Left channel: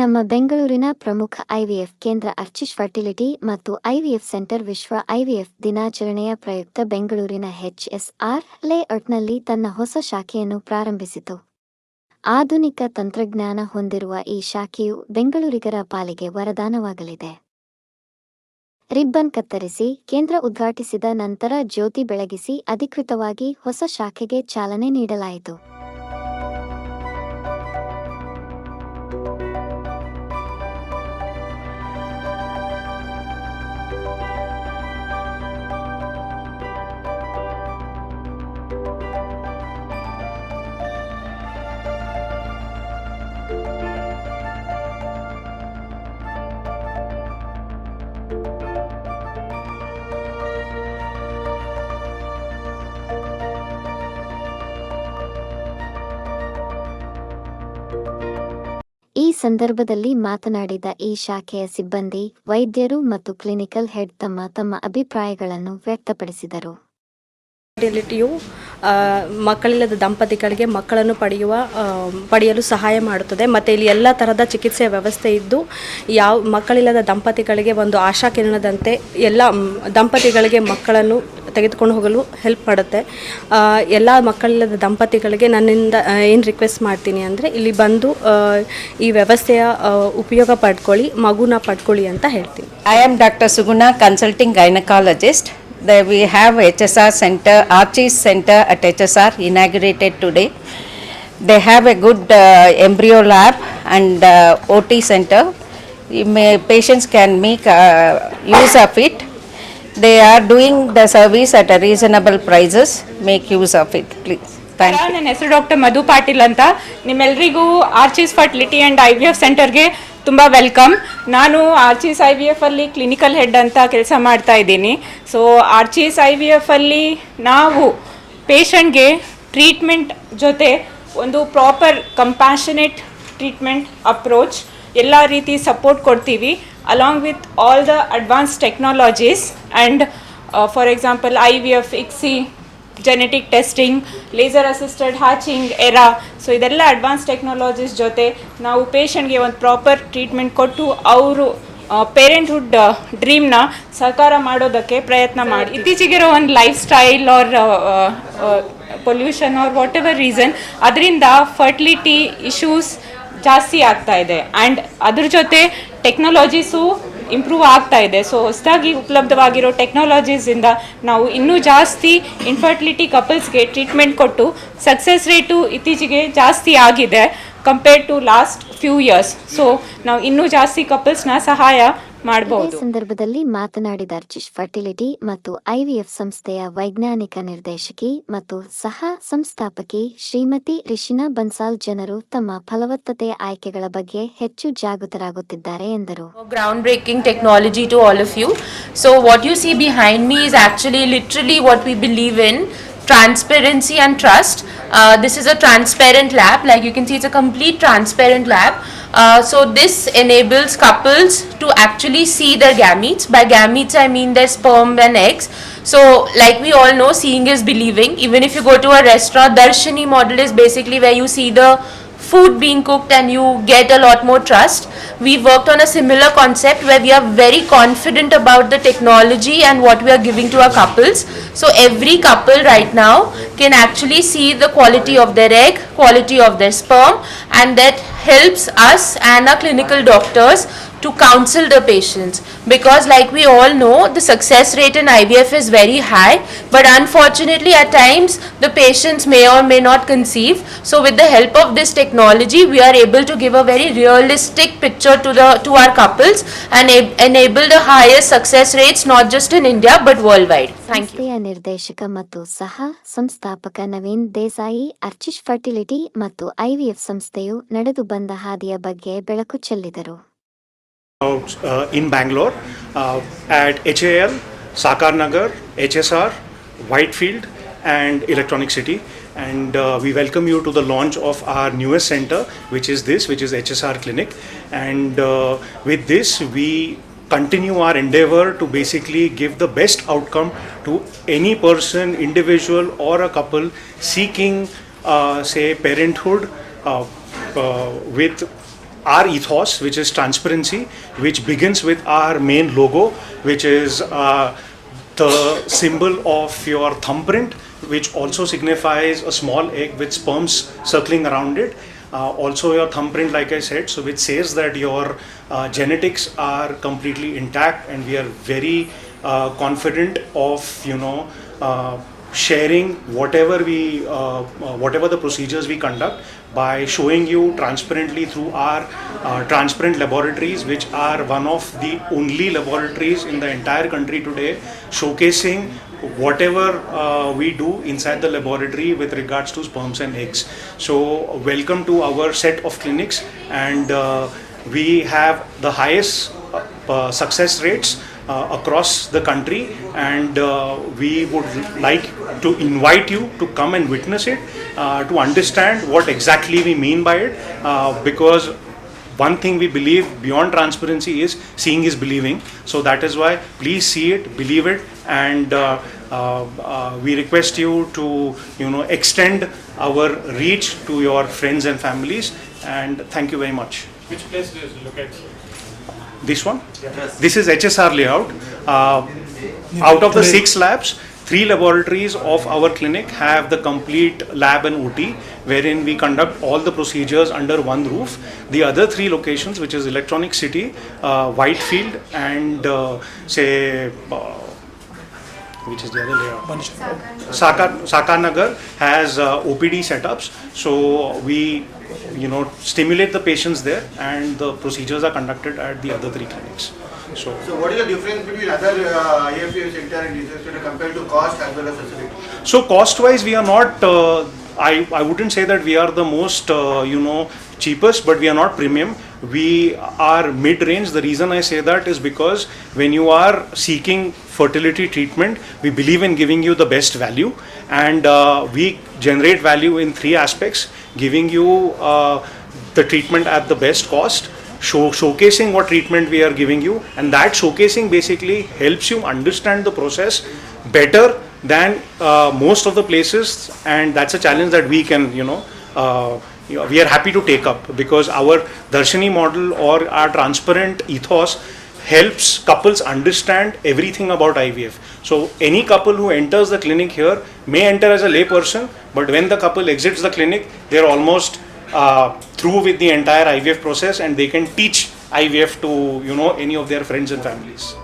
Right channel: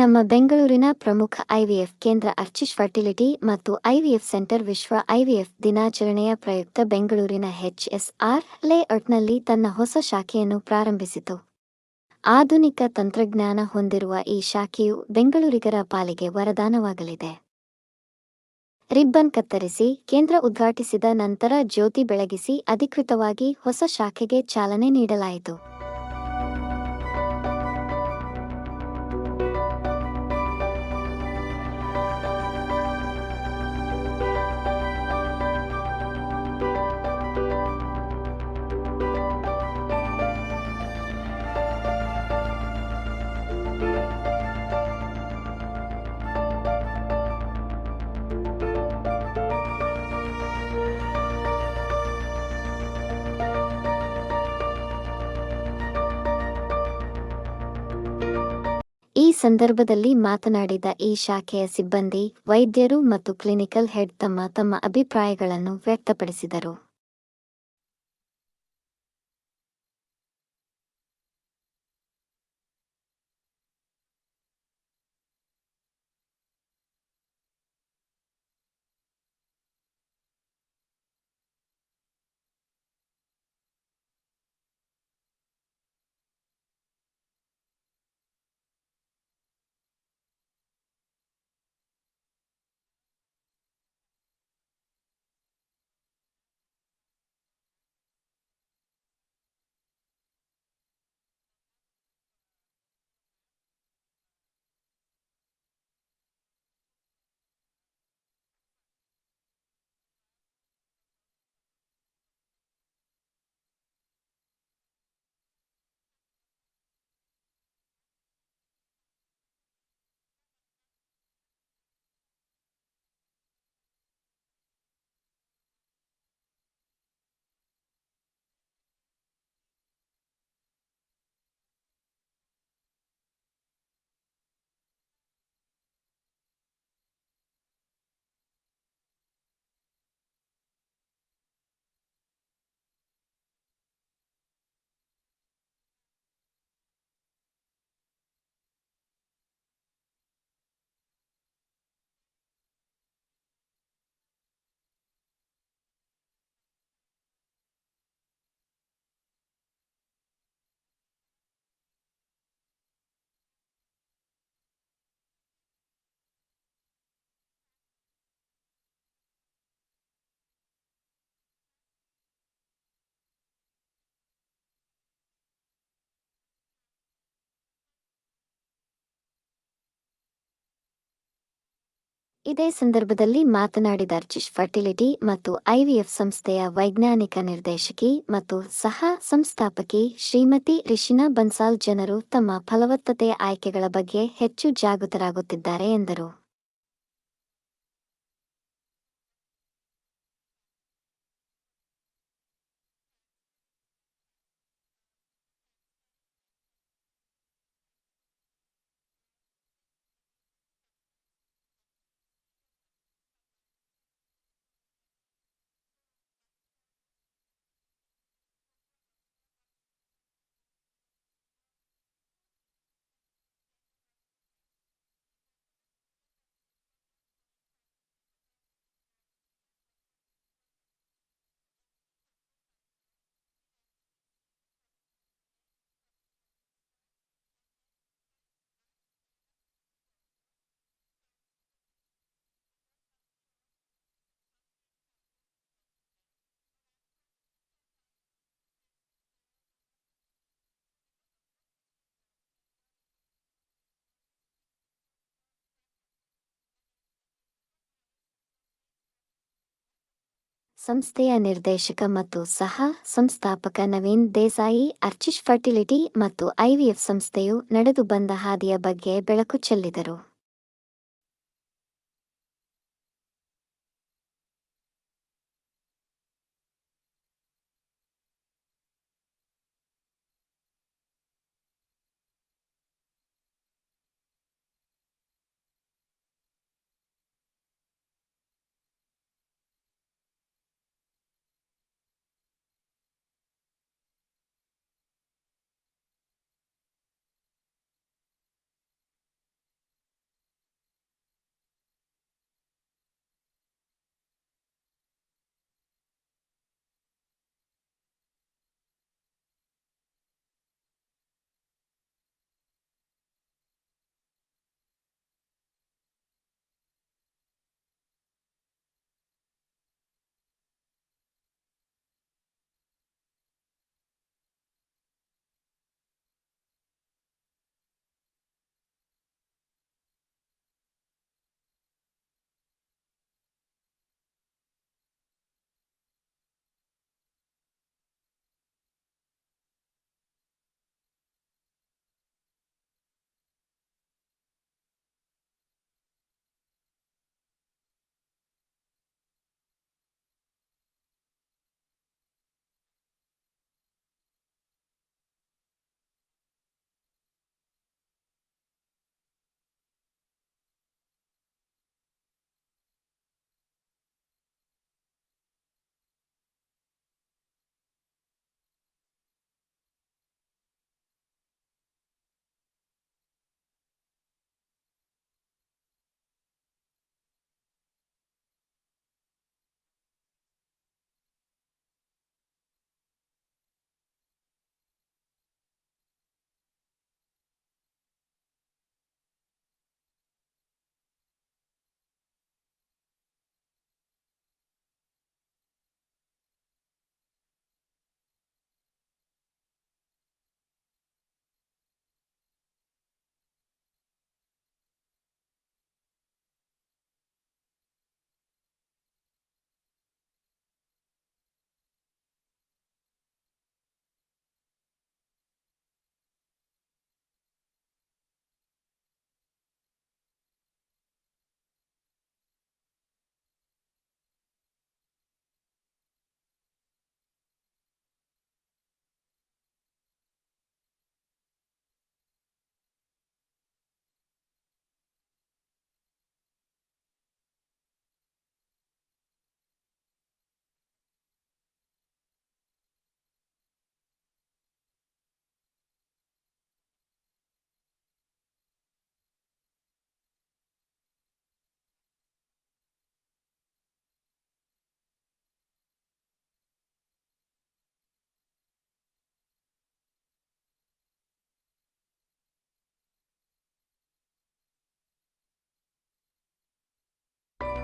ನಮ್ಮ ಬೆಂಗಳೂರಿನ ಪ್ರಮುಖ ಐವಿಎಫ್ ಕೇಂದ್ರ ಆರ್ಚಿಶ್ ಫರ್ಟಿಲಿಟಿ ಮತ್ತು ಐವಿಎಫ್ ಸೆಂಟರ್ ವಿಶ್ವ ಐವಿಎಫ್ ದಿನಾಚರಣೆಯ ಪ್ರಯುಕ್ತ ಬೆಂಗಳೂರಿನ HSR ಲೇಔಟ್ನಲ್ಲಿ ತನ್ನ ಹೊಸ ಶಾಖೆಯನ್ನು ಪ್ರಾರಂಭಿಸಿತು. ಆಧುನಿಕ ತಂತ್ರಜ್ಞಾನ ಹೊಂದಿರುವ ಈ ಶಾಖೆಯು ಬೆಂಗಳೂರಿಗರ ಪಾಲಿಗೆ ವರದಾನವಾಗಲಿದೆ. ರಿಬ್ಬನ್ ಕತ್ತರಿಸಿ ಕೇಂದ್ರ ಉದ್ಘಾಟಿಸಿದ ನಂತರ ಜ್ಯೋತಿ ಬೆಳಗಿಸಿ ಅಧಿಕೃತವಾಗಿ ಹೊಸ ಶಾಖೆಗೆ ಚಾಲನೆ ನೀಡಲಾಯಿತು. ಈ ಸಂದರ್ಭದಲ್ಲಿ ಮಾತನಾಡಿದ ಈ ಶಾಖೆಯ ಸಿಬ್ಬಂದಿ, ವೈದ್ಯರು ಮತ್ತು ಕ್ಲಿನಿಕಲ್ ಹೆಡ್ ತಮ್ಮ ಅಭಿಪ್ರಾಯಗಳನ್ನು ವ್ಯಕ್ತಪಡಿಸಿದರು. ಫರ್ಟಿಲಿಟಿಯು ಮಕ್ಕಳಿಲ್ಲದ ದಂಪತಿಗಳಿಗೆ ಮಕ್ಕಳನ್ನು ಪಡೆಯಲು ಸಹಾಯ ಮಾಡುತ್ತದೆ ಮತ್ತು ಇಲ್ಲಿ ಎಲ್ಲ ಥರದ ಚಿಕಿತ್ಸೆಯ ವ್ಯವಸ್ಥೆ ಇದ್ದು ಮಕ್ಕಳಿಲ್ಲದ ದಂಪತಿಗಳಿಗೆ ಒಂದು ಆಶಾ ಕಿರಣದಂತೆ ಎಲ್ಲ ದಂಪತಿಗಳಿಗೆ ಮಕ್ಕಳನ್ನು ತೆಗೆದುಕೊಂಡು ಹೋಗಲು ಹೆಲ್ಪ್ ಮಾಡುತ್ತೆ. ಎಲ್ಲ ಮಕ್ಕಳಿಲ್ಲದ ದಂಪತಿಗಳಿಗೆ ನನ್ನಿಂದ ಏನು ರಿಕ್ವೆಸ್ಟ್ ಮಾಡ್ತೀನಿ ಅಂದರೆ ಇಲ್ಲಿ ಬಂದು ಈ ವ್ಯವಸ್ಥೆಯ ಉಪಯೋಗ ಮಗುನ ಪಡ್ಕೊಳ್ಳಿ ಅಂತ ಹೇಳ್ತೀನಿ. I am Dr. Suguna, consulting gynecologist. There we have HSR center, Archis center at HSR inaugurated today. They have a good embryo lab and OT center. Patients can make use of it. They are doing the service at a reasonable prices. Make use of it, please. Thank you. ನನ್ನ ಹೆಸರು doctor ಮಧು ಪಾಟೀಲ್ ಅಂತ. ನಿಮ್ಮೆಲ್ಲರಿಗೂ ಆರ್ಚಿಸ್ fertility and IVF ಸೆಂಟರ್ಗೆ ತುಂಬ welcome. ನಾನು ಆರ್ಚಿಸ್ IVF ಅಲ್ಲಿ clinical head ಅಂತ ಕೆಲಸ ಮಾಡ್ತಾ ಇದ್ದೀನಿ. ಸೊ ಆರ್ಚಿಸ್ IVF ಅಲ್ಲಿ ನಾವು ಪೇಷಂಟ್ಗೆ ಟ್ರೀಟ್ಮೆಂಟ್ ಜೊತೆ ಒಂದು ಪ್ರಾಪರ್ ಕಂಪ್ಯಾಷನೇಟ್ ಟ್ರೀಟ್ಮೆಂಟ್ ಅಪ್ರೋಚ್ ಎಲ್ಲ ರೀತಿ ಸಪೋರ್ಟ್ ಕೊಡ್ತೀವಿ, along with all the advance technologies and for example IVF, ICSI, genetic testing, laser assisted hatching, era. So ಇದೆಲ್ಲ ಅಡ್ವಾನ್ಸ್ ಟೆಕ್ನಾಲಜೀಸ್ ಜೊತೆ ನಾವು ಪೇಷಂಟ್ಗೆ ಒಂದು ಪ್ರಾಪರ್ ಟ್ರೀಟ್ಮೆಂಟ್ ಕೊಟ್ಟು ಅವರು ಪೇರೆಂಟ್ಹುಡ್ ಡ್ರೀಮ್ನ ಸಾಕಾರ ಮಾಡೋದಕ್ಕೆ ಪ್ರಯತ್ನ ಮಾಡಿ. ಇತ್ತೀಚೆಗಿರೋ ಒಂದು lifestyle or pollution or whatever reason ಅದರಿಂದ ಫರ್ಟಿಲಿಟಿ ಇಶ್ಯೂಸ್ ಜಾಸ್ತಿ ಆಗ್ತಾ ಇದೆ ಆ್ಯಂಡ್ ಅದ್ರ ಜೊತೆ ಟೆಕ್ನಾಲಜೀಸು ಇಂಪ್ರೂವ್ ಆಗ್ತಾ ಇದೆ. ಸೊ ಹೊಸದಾಗಿ ಉಪಲಬ್ಧವಾಗಿರೋ ಟೆಕ್ನಾಲಜೀಸಿಂದ ನಾವು ಇನ್ನೂ ಜಾಸ್ತಿ ಇನ್ಫರ್ಟಿಲಿಟಿ ಕಪಲ್ಸ್ಗೆ ಟ್ರೀಟ್ಮೆಂಟ್ ಕೊಟ್ಟು ಸಕ್ಸಸ್ ರೇಟು ಇತ್ತೀಚೆಗೆ ಜಾಸ್ತಿ ಆಗಿದೆ compared to last few years. So ನಾವು ಇನ್ನೂ ಜಾಸ್ತಿ ಕಪಲ್ಸ್ನ ಸಹಾಯ ಮಾಡಬಹುದು. ಇದೇ ಸಂದರ್ಭದಲ್ಲಿ ಮಾತನಾಡಿದ ಆರ್ಚಿಶ್ ಫರ್ಟಿಲಿಟಿ ಮತ್ತು IVF ಸಂಸ್ಥೆಯ ವೈಜ್ಞಾನಿಕ ನಿರ್ದೇಶಕಿ ಮತ್ತು ಸಹ ಸಂಸ್ಥಾಪಕಿ ಶ್ರೀಮತಿ ರಿಷಿನಾ ಬನ್ಸಾಲ್ ಜನರು ತಮ್ಮ ಫಲವತ್ತತೆಯ ಆಯ್ಕೆಗಳ ಬಗ್ಗೆ ಹೆಚ್ಚು ಜಾಗೃತರಾಗುತ್ತಿದ್ದಾರೆ ಎಂದರು. Ground breaking technology to all of you. So what you see behind me is actually literally what we believe in, transparency and trust. This is a transparent lab. Like you can see, it's a complete transparent lab. So this enables couples to actually see their gametes. By gametes I mean their sperm and eggs. So like we all know, seeing is believing. Even if you go to a restaurant, Darshini model is basically where you see the food being cooked and you get a lot more trust. We worked on a similar concept where we are very confident about the technology and what we are giving to our couples. So every couple right now can actually see the quality of their egg, quality of their sperm, and that helps us and our clinical doctors to counsel the patients, because like we all know, the success rate in IVF is very high, but unfortunately at times the patients may or may not conceive. So with the help of this technology we are able to give a very realistic picture to our couples and enable the highest success rates not just in India but worldwide. ಸಂಸ್ಥೆಯ ನಿರ್ದೇಶಕ ಮತ್ತು ಸಹ ಸಂಸ್ಥಾಪಕ Naveen Desai ಆರ್ಚಿಶ್ fertility ಮತ್ತು IVF ಸಂಸ್ಥೆಯು ನಡೆದು ಬಂದ ಹಾದಿಯ ಬಗ್ಗೆ ಬೆಳಕು ಚೆಲ್ಲಿದರು. In Bangalore at HAL, Sakar Nagar, HSR, Whitefield and Electronic City, and we welcome you to the launch of our newest center, which is HSR Clinic. And with this we continue our endeavor to basically give the best outcome to any person, individual or a couple seeking say parenthood with our ethos, which is transparency, which begins with our main logo, which is the symbol of your thumbprint, which also signifies a small egg with sperms circling around it. Also your thumbprint, like I said, so which says that your genetics are completely intact, and we are very confident of sharing whatever the procedures we conduct by showing you transparently through our transparent laboratories, which are one of the only laboratories in the entire country today showcasing whatever we do inside the laboratory with regards to sperms and eggs. So welcome to our set of clinics, and we have the highest success rates across the country, and we would like to invite you to come and witness it, to understand what exactly we mean by it, because one thing we believe beyond transparency is seeing is believing. So that is why please see it, believe it, and we request you to extend our reach to your friends and families, and thank you very much. Which place do you look at? This one? Yes. This is HSR layout. Out of the 6 labs, 3 laboratories of our clinic have the complete lab and OT, wherein we conduct all the procedures under one roof. The other 3 locations, which is Electronic City, Whitefield, and which is the other layout? Sakar Nagar has OPD setups. So we stimulate the patients there, and the procedures are conducted at the other 3 clinics. So what is the difference between other IFF center and this center compared to cost as well as facility? So cost wise, we are not, I wouldn't say that we are the most cheapest, but we are not premium. We are mid-range. The reason I say that is because when you are seeking fertility treatment, we believe in giving you the best value, and we generate value in 3 aspects: giving you the treatment at the best cost, showcasing what treatment we are giving you, and that showcasing basically helps you understand the process better than most of the places, and that's a challenge that we can we are happy to take up, because our Darshini model or our transparent ethos helps couples understand everything about IVF. So any couple who enters the clinic here may enter as a lay person, but when the couple exits the clinic, they're almost through with the entire IVF process, and they can teach IVF to any of their friends and families.